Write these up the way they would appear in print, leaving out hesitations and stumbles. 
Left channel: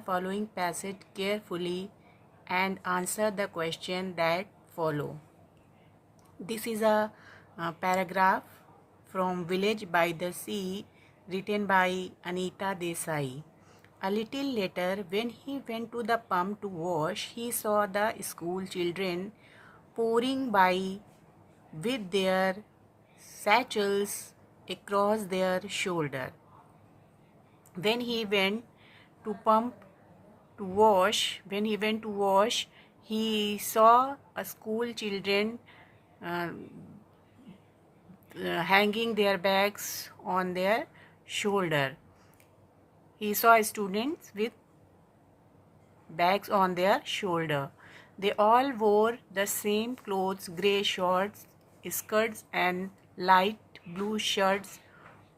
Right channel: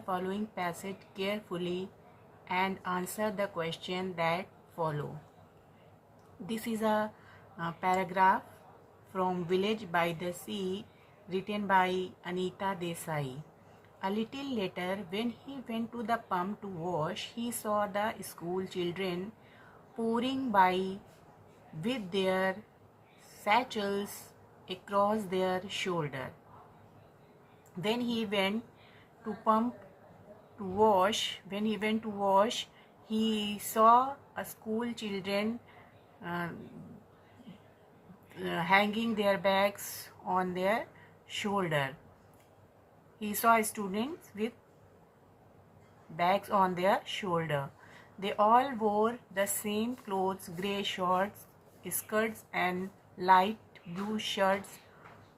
the following passage carefully and answer the question that follow. This is a paragraph from Village by the Sea written by Anita Desai. A little later, when he went to the pump to wash, he saw the school children pouring by with their satchels across their shoulder. When he went to pump when he went to wash, he saw a school children uh, hanging their bags on their shoulder. He saw students with bags on their shoulder. They all wore the same clothes, grey shorts, skirts and light blue shirts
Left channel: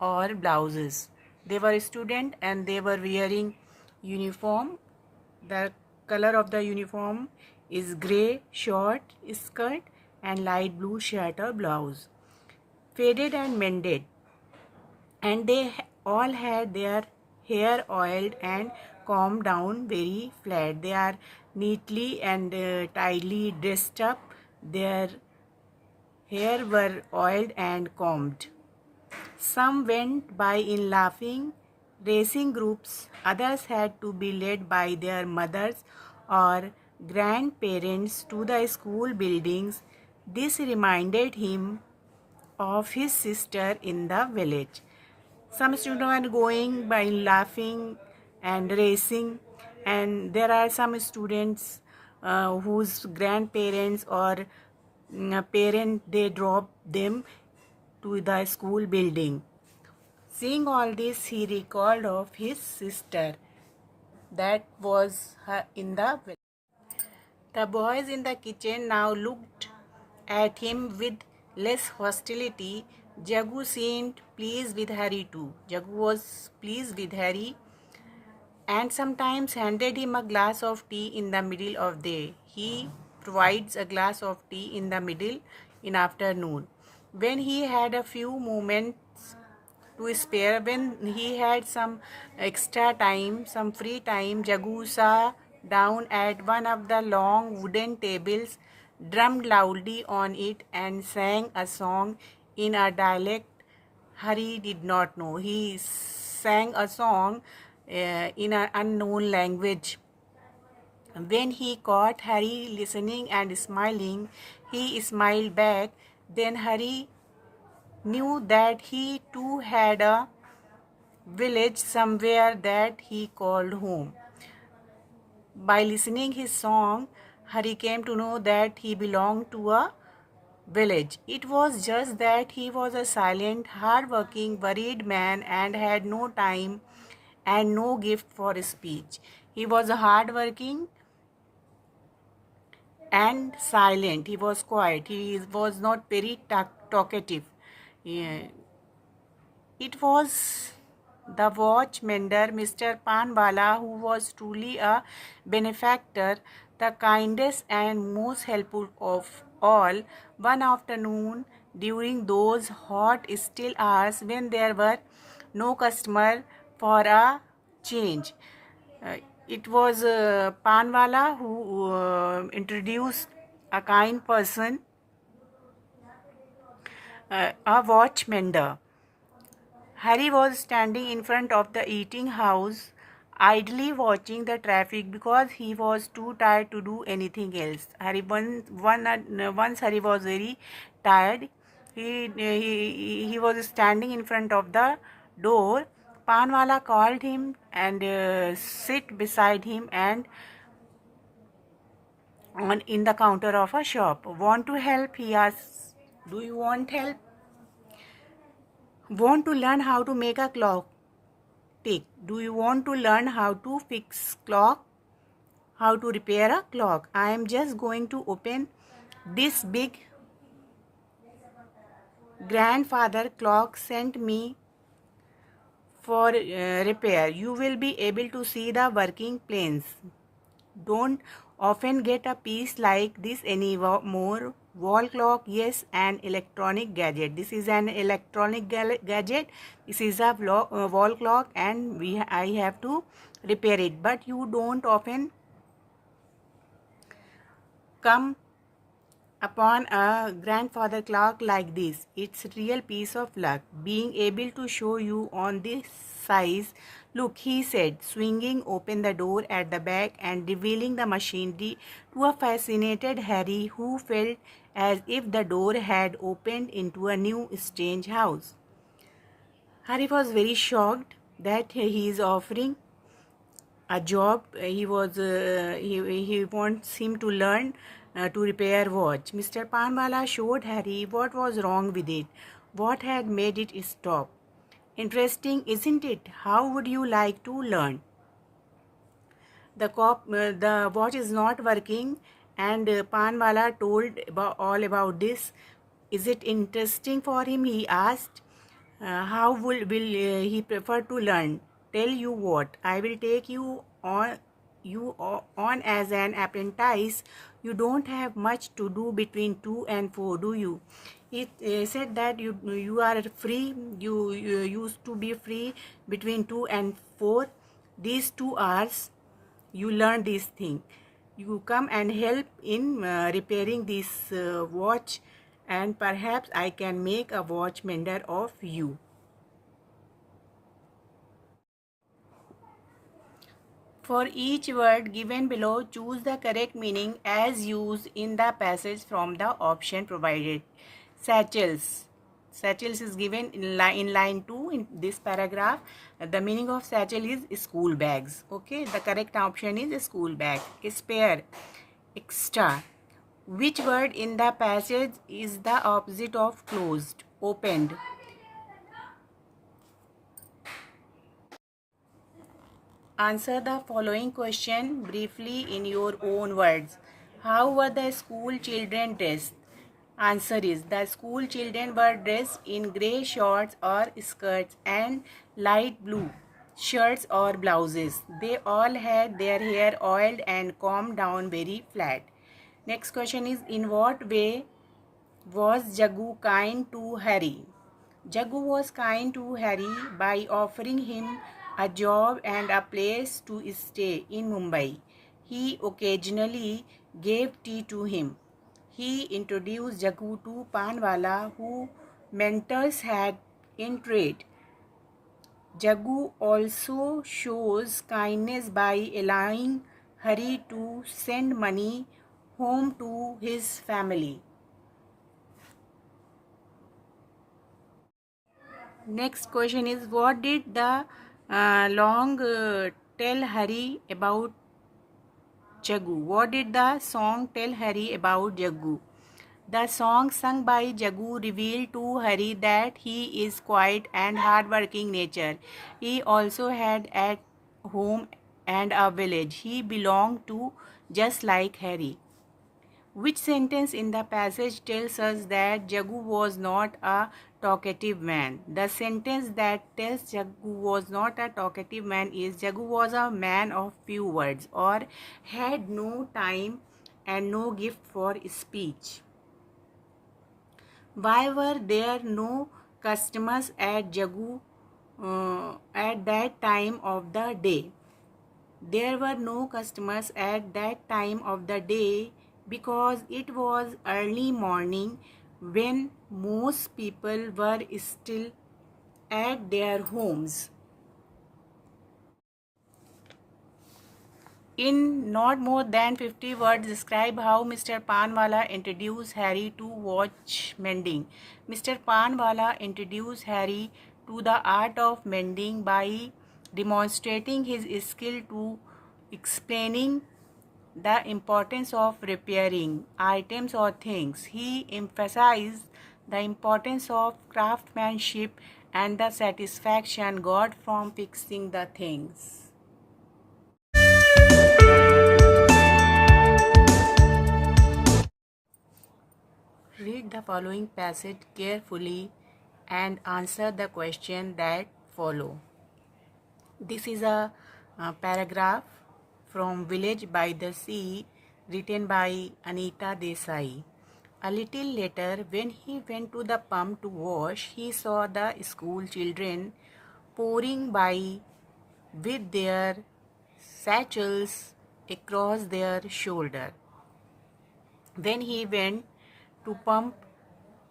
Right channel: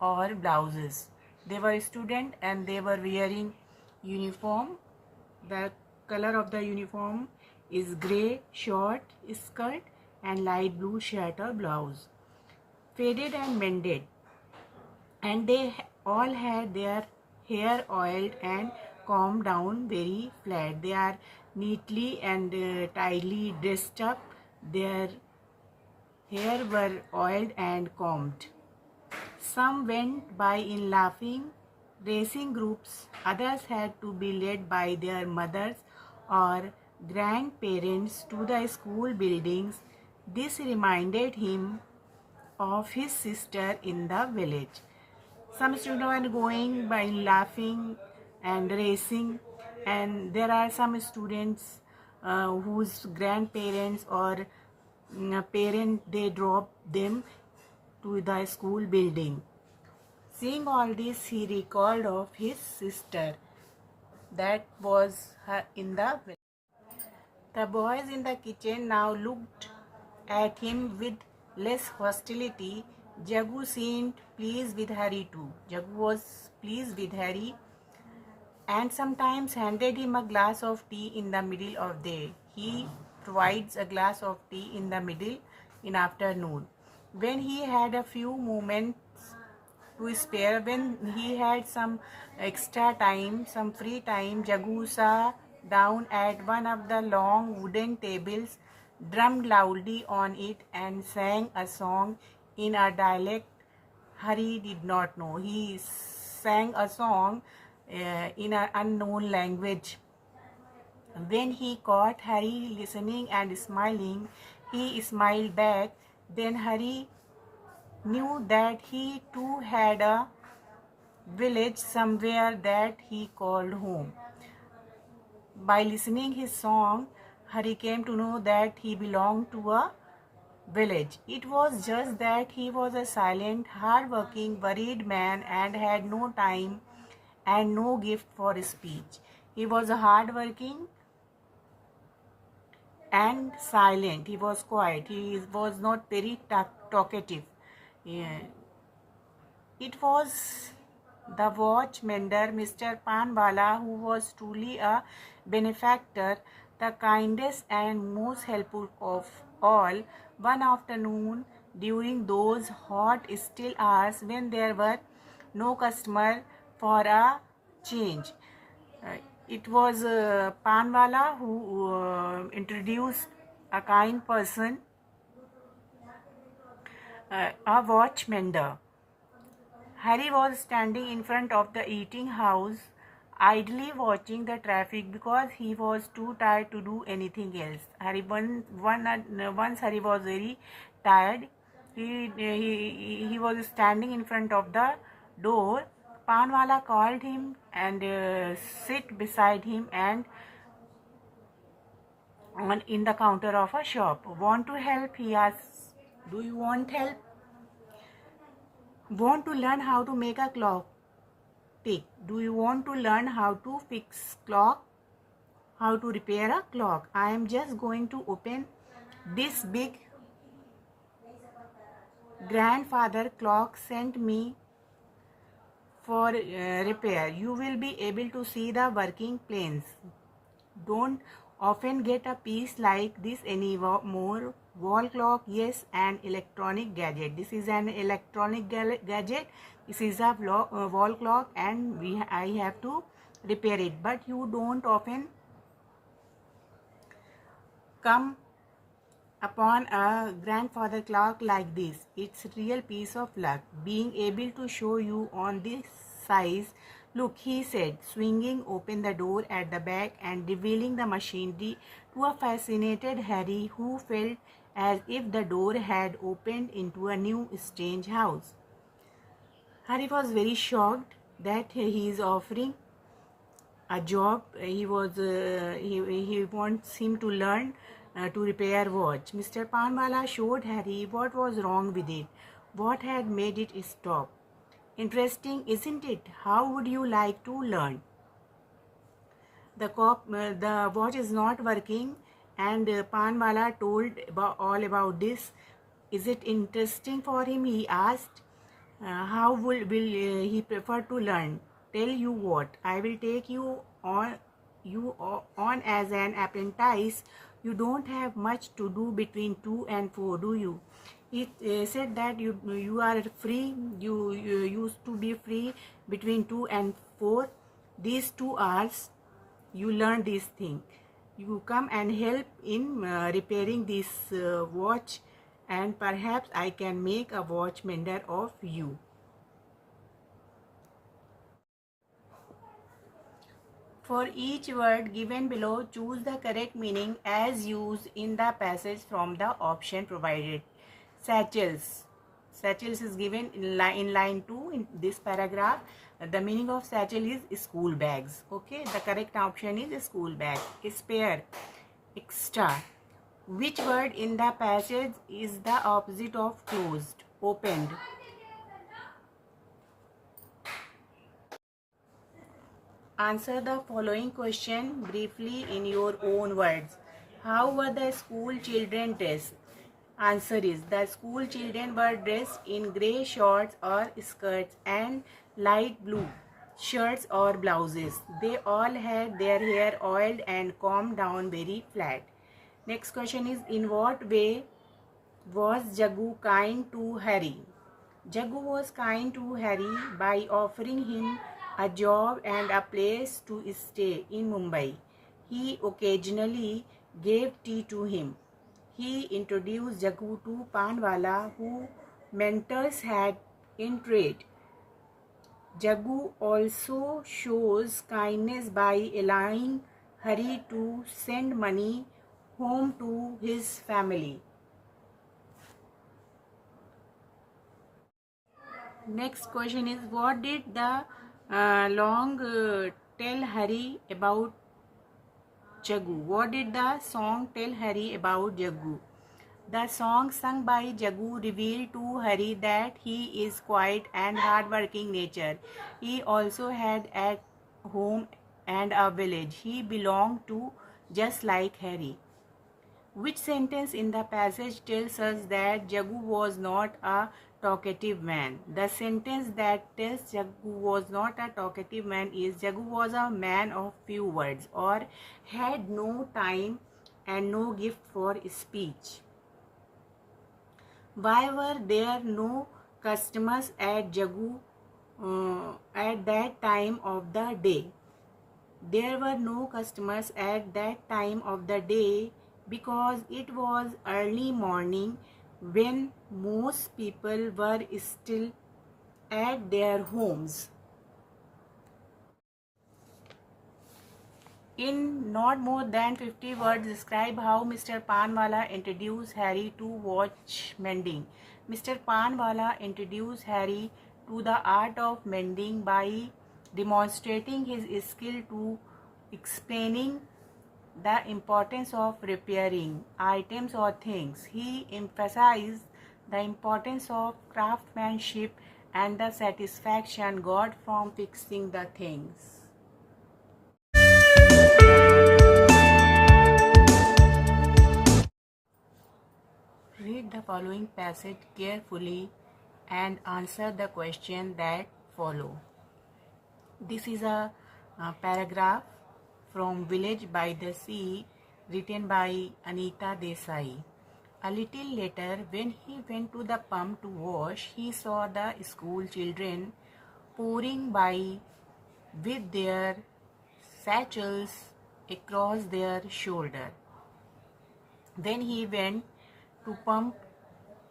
or blouses. They were students and they were wearing uniform. The color of the uniform is grey short skirt and light blue shirt or blouse, faded and mended, and they all had their hair oiled and combed down very flat. They are neatly and tidily dressed up. Their hair were oiled and combed. Some went by in laughing, racing groups. Others had to be led by their mothers or grandparents to the school buildings. This reminded him of his sister in the village. Some students are going by laughing and racing, and there are some students whose grandparents or parent they drop them to the school building. Seeing all this, he recalled of his sister that was in the village. The boys in the kitchen now looked at him with less hostility. Jagu seemed pleased with Harry too. Jagu was pleased with Harry and sometimes handed him a glass of tea in the middle of the day. He provides a glass of tea in the middle in afternoon. When he had a few moments to spare, when he had some extra time, some free time, Jagu sat down at one of the long wooden tables, drummed loudly on it and sang a song in a dialect Harry did not know. He sang a song in an unknown language. When he caught Harry listening and smiling, he smiled back. Then Harry knew that he too had a village somewhere that he called home. By listening his song, Harry came to know that he belonged to a village. It was just that he was a silent, hard-working, worried man and had no time and no gift for speech. He was a hard-working and silent. He was quiet. He was not very talkative. Yeah. It was the watch mender, Mr. Panwala, who was truly a benefactor, the kindest and most helpful of all. One afternoon, during those hot, still hours when there were no customer for a change, it was Panwala who introduced a kind person, a watch mender. Harry was standing in front of the eating house, idly watching the traffic because he was too tired to do anything else. Once Harry was very tired. He was standing in front of the door. Panwala called him and sit beside him and in the counter of a shop. Want to help? He asked. Do you want help? Want to learn how to make a clock tick? Do you want to learn how to fix clock? How to repair a clock? I am just going to open this big grandfather clock sent me for repair. You will be able to see the working planes. Don't often get a piece like this anymore. Wall clock, yes, an electronic gadget. This is an electronic gadget. This is a wall clock, and I have to repair it, but you don't often come upon a grandfather clock like this. It's real piece of luck being able to show you on this size. Look, he said, swinging open the door at the back and revealing the machinery to a fascinated Harry, who felt as if the door had opened into a new strange house. Harry was very shocked that he is offering a job. He wants him to learn to repair watch. Mr. Panwala showed Harry what was wrong with it, what had made it stop. Interesting, isn't it? How would you like to learn? The watch is not working, and Panwala told all about this. Is it interesting for him? He asked. How will he prefer to learn? Tell you what, I will take you on as an apprentice. You don't have much to do between 2 and 4, do you? It said that you are free. You used to be free between 2 and 4. These 2 hours you learn this thing. You come and help in repairing this watch, and perhaps I can make a watch mender of you. For each word given below, choose the correct meaning as used in the passage from the option provided. Satchels. Satchels is given in line 2 in this paragraph. The meaning of satchel is school bags. Okay, the correct option is school bag. Spare. Extra. Which word in the passage is the opposite of closed? Opened. Answer the following question briefly in your own words. How were the school children dressed? Answer is, the school children were dressed in grey shorts or skirts and light blue shirts or blouses. They all had their hair oiled and combed down very flat. Next question is, in what way was Jagu kind to Harry? Jagu was kind to Harry by offering him a job and a place to stay in Mumbai. He occasionally gave tea to him. He introduced Jagu to Panwala, who mentors had in trade. Jagu also shows kindness by allowing Hari to send money home to his family. Next question is, what did the long tell Hari about Jagu? What did the song tell Hari about Jagu? The song sung by Jagu revealed to Hari that he is quiet and hardworking nature. He also had at home and a village he belonged to, just like Hari. Which sentence in the passage tells us that Jagu was not a talkative man? The sentence that tells Jagu was not a talkative man is, Jagu was a man of few words or had no time and no gift for speech. Why were there no customers at Jagu at that time of the day? There were no customers at that time of the day because it was early morning when most people were still at their homes. In not more than 50 words, describe how Mr. Panwala introduced Harry to watch mending. Mr. Panwala introduced Harry to the art of mending by demonstrating his skill to explaining the importance of repairing items or things. He emphasized the importance of craftsmanship and the satisfaction got from fixing the things. Read the following passage carefully and answer the question that follow. This is a paragraph from Village by the Sea, written by Anita Desai. A little later, when he went to the pump to wash, he saw the school children pouring by with their satchels across their shoulder. When he went to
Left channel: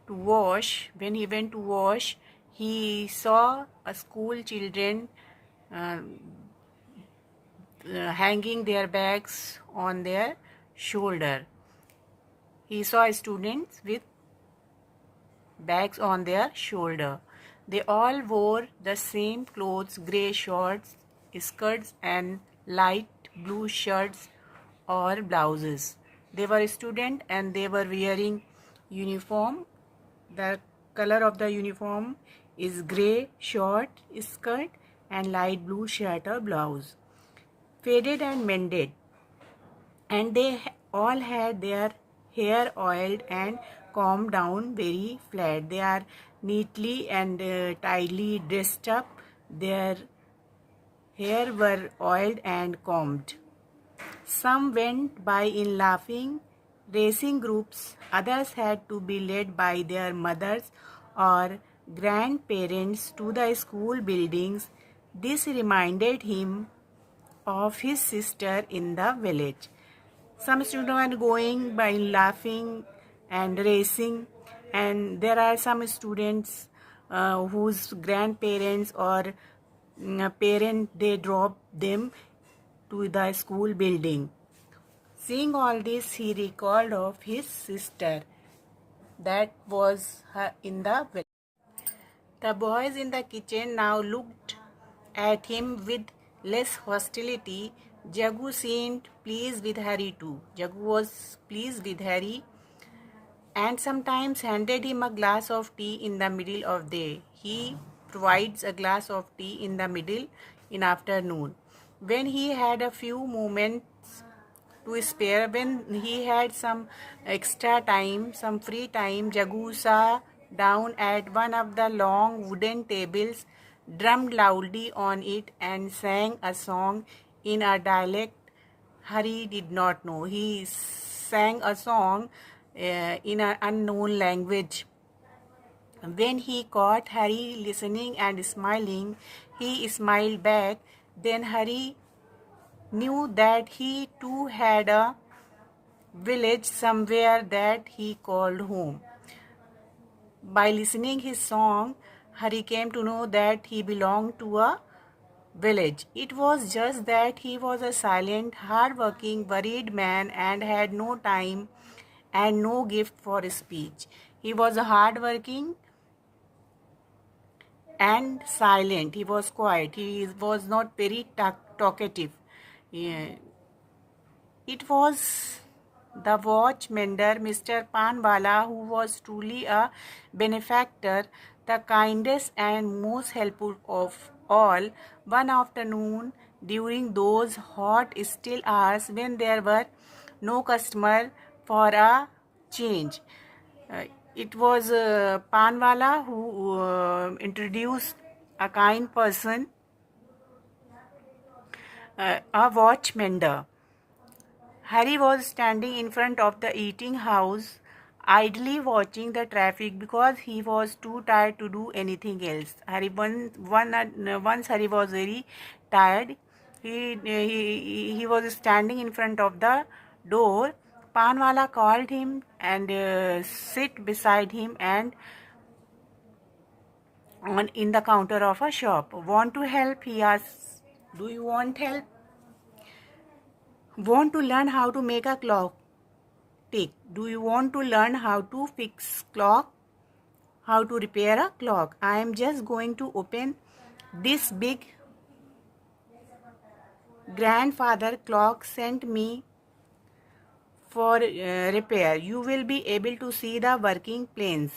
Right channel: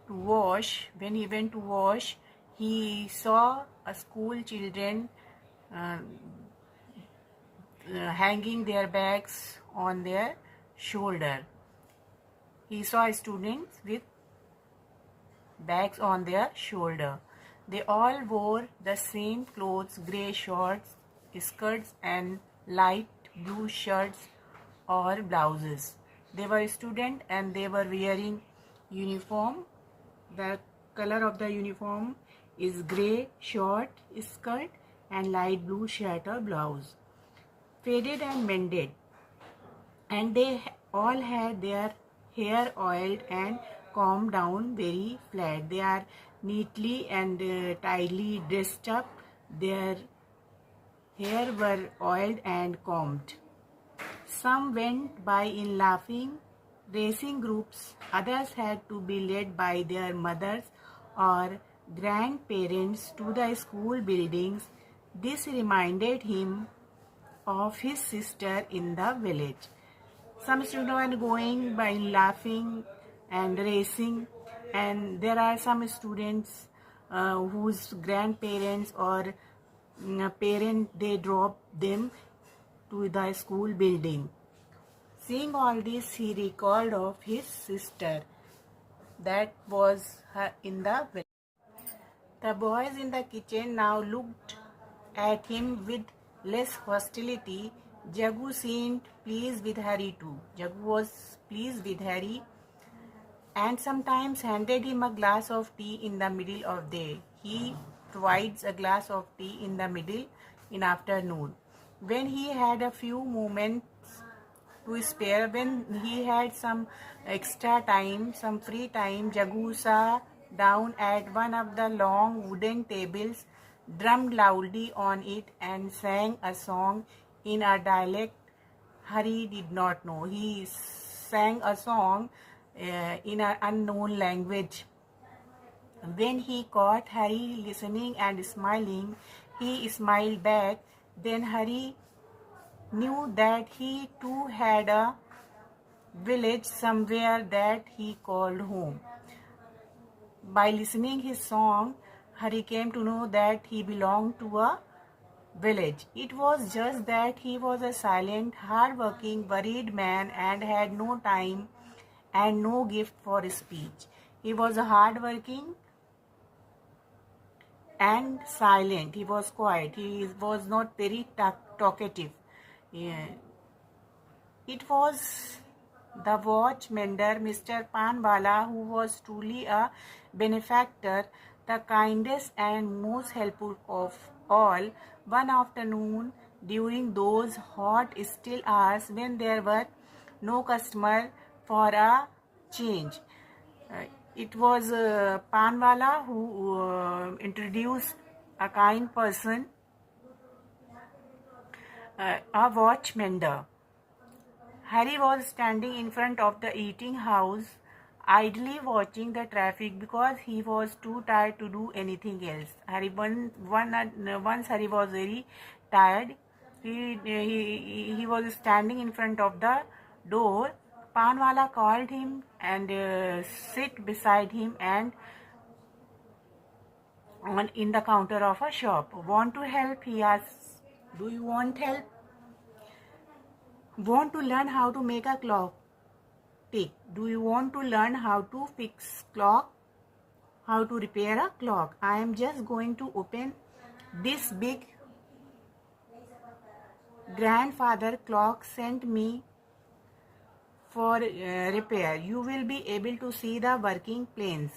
wash, he saw a school children uh, hanging their bags on their shoulder. He saw students with bags on their shoulder. They all wore the same clothes, grey shorts, skirts and light blue shirts or blouses. They were students and they were wearing uniform. The color of the uniform is grey short skirt and light blue shirt or blouse. Faded and mended, and they all had their hair oiled and combed down very flat. They are neatly and tidily dressed up. Their hair were oiled and combed. Some went by in laughing, racing groups. Others had to be led by their mothers or grandparents to the school buildings. This reminded him of his sister in the village. Some students are going by laughing and racing, and there are some students whose grandparents or parent they drop them to the school building. Seeing all this, he recalled of his sister that was in the village. The boys in the kitchen now looked at him with less hostility. Jagu seemed pleased with Harry too. Jagu was pleased with Harry and sometimes handed him a glass of tea in the middle of the day. He provides a glass of tea in the middle in afternoon. When he had a few moments to spare, when he had some extra time, some free time, Jagu sat down at one of the long wooden tables, drummed loudly on it and sang a song in a dialect Harry did not know. He sang a song in an unknown language. When he caught Harry listening and smiling, he smiled back. Then Harry knew that he too had a village somewhere that he called home. By listening his song, Harry came to know that he belonged to a village. It was just that he was a silent, hard-working, worried man and had no time and no gift for speech. He was hard-working and silent. He was quiet. He was not very talkative. Yeah. It was the watch mender, Mr. Panwala, who was truly a benefactor, the kindest and most helpful of all. One afternoon, during those hot, still hours when there were no customer for a change, it was Panwala who introduced a kind person, a watch mender. Harry was standing in front of the eating house, idly watching the traffic because he was too tired to do anything else. Once Harry was very tired. He was standing in front of the door. Panwala called him and sit beside him and in the counter of a shop. Want to help? He asked. Do you want help? Want to learn how to make a clock tick? Do you want to learn how to fix clock? How to repair a clock? I am just going to open this big grandfather clock sent me for repair. You will be able to see the working planes.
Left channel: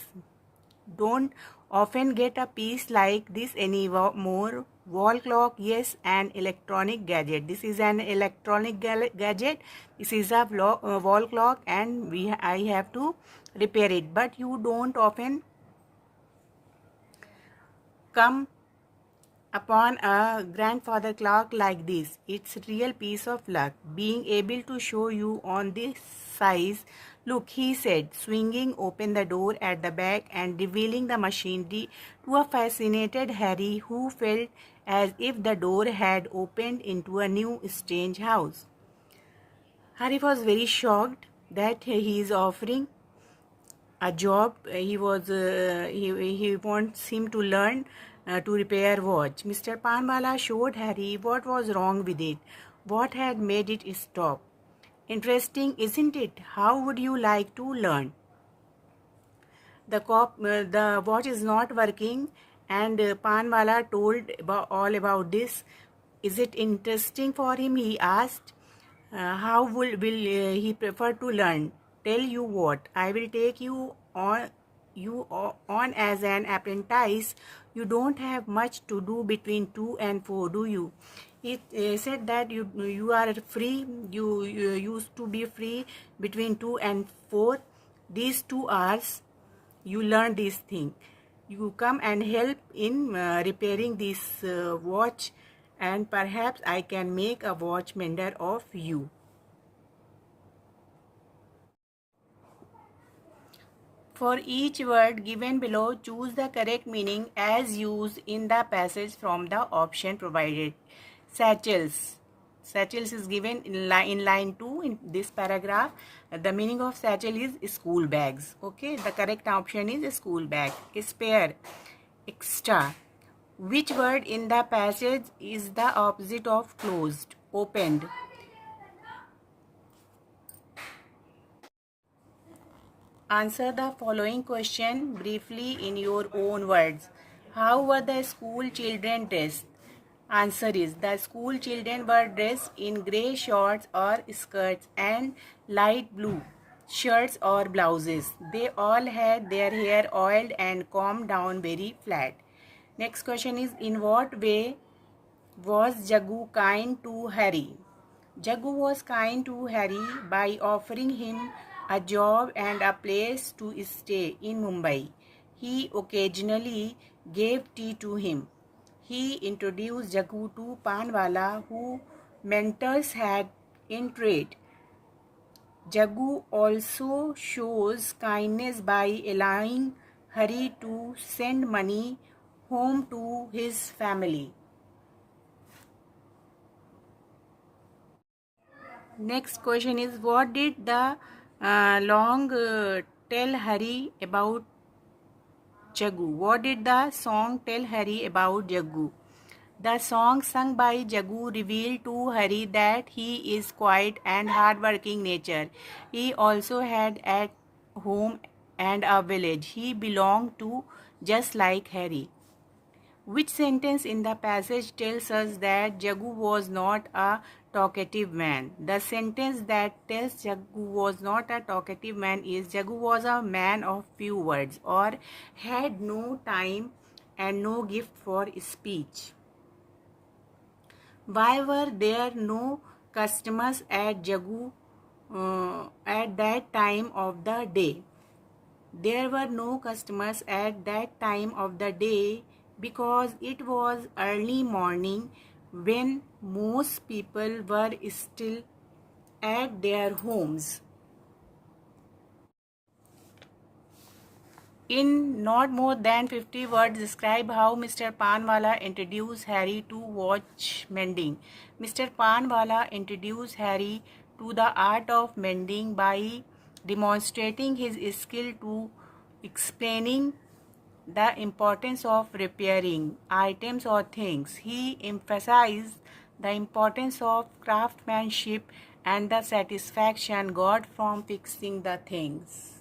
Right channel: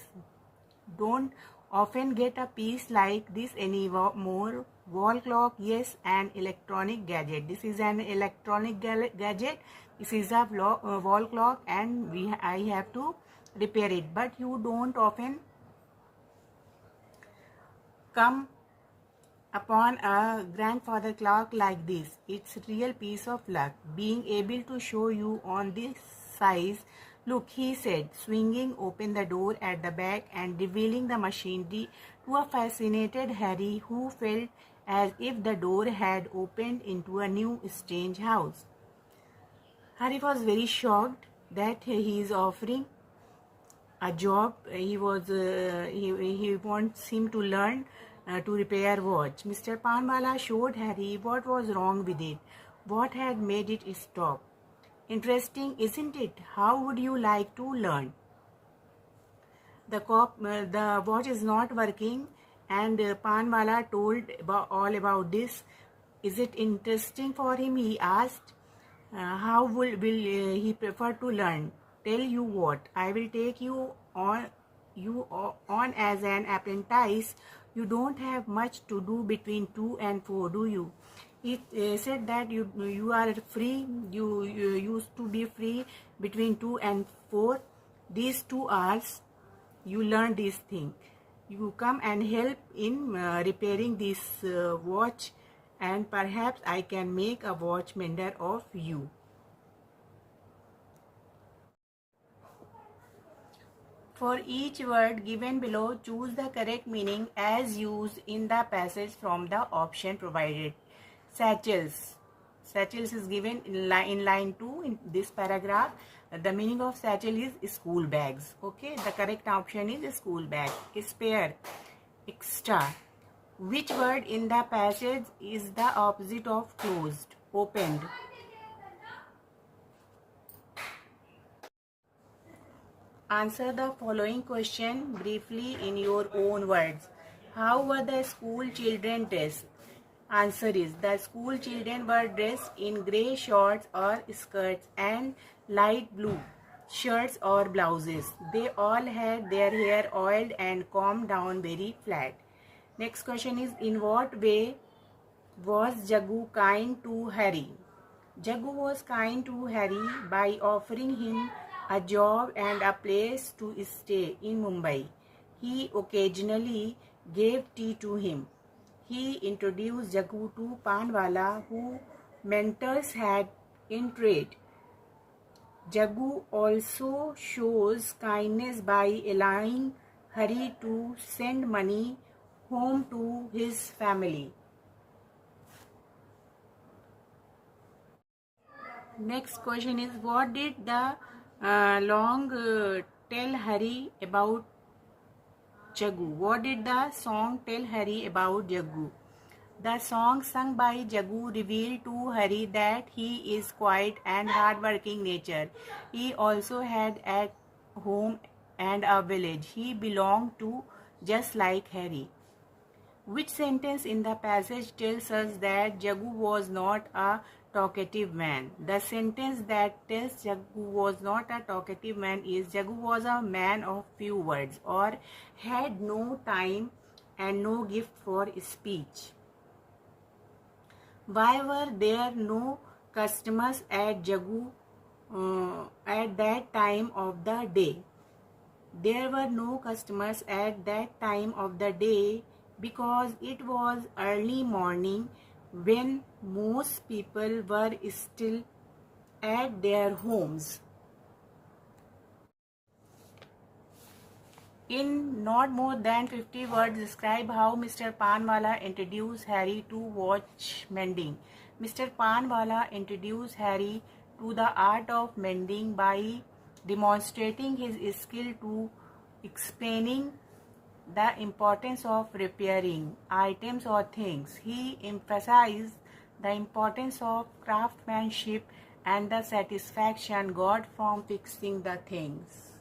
Don't often get a piece like this anymore. Wall clock, yes, an electronic gadget. This is an electronic gadget. This is a wall clock, and I have to repair it. But you don't often come upon a grandfather clock like this. It's real piece of luck. Being able to show you on this size. Look, he said, swinging open the door at the back and revealing the machinery to a fascinated Harry, who felt as if the door had opened into a new strange house. Hari was very shocked that he is offering a job. He wants him to learn to repair watch. Mr. Panwala showed Harry what was wrong with it, what had made it stop. Interesting, isn't it? How would you like to learn? The watch is not working, and Panwala told all about this. Is it interesting for him? He asked. How will he prefer to learn? Tell you what, I will take you on as an apprentice. You don't have much to do between 2 and 4, do you? He said that you are free. You used to be free between 2 and 4. These 2 hours, you learn this thing. You come and help in repairing this watch, and perhaps I can make a watch mender of you. For each word given below, choose the correct meaning as used in the passage from the option provided. Satchels. Satchels is given in line 2 in this paragraph. The meaning of satchel is school bags. Okay, the correct option is school bag. Spare. Extra. Which word in the passage is the opposite of closed? Opened. Answer the following question briefly in your own words. How were the school children dressed? Answer is, the school children were dressed in grey shorts or skirts and light blue shirts or blouses. They all had their hair oiled and combed down very flat. Next question is, in what way was Jagu kind to Harry? Jagu was kind to Harry by offering him a job and a place to stay in Mumbai. He occasionally gave tea to him. He introduced Jagu to Panwala, who mentors had in trade. Jagu also shows kindness by allowing Hari to send money home to his family. Next question is, what did the long tell Hari about Jagu? What did the song tell Hari about Jagu? The song sung by Jagu revealed to Hari that he is quiet and hardworking nature. He also had at home and a village he belonged to, just like Hari. Which sentence in the passage tells us that Jagu was not a talkative man? The sentence that tells Jagu was not a talkative man is, Jagu was a man of few words or had no time and no gift for speech. Why were there no customers at Jagu at that time of the day? There were no customers at that time of the day because it was early morning when most people were still at their homes. In not more than 50 words, describe how Mr. Panwala introduced Harry to watch mending. Mr. Panwala introduced Harry to the art of mending by demonstrating his skill to explaining the importance of repairing items or things. He emphasized the importance of craftsmanship and the satisfaction got from fixing the things.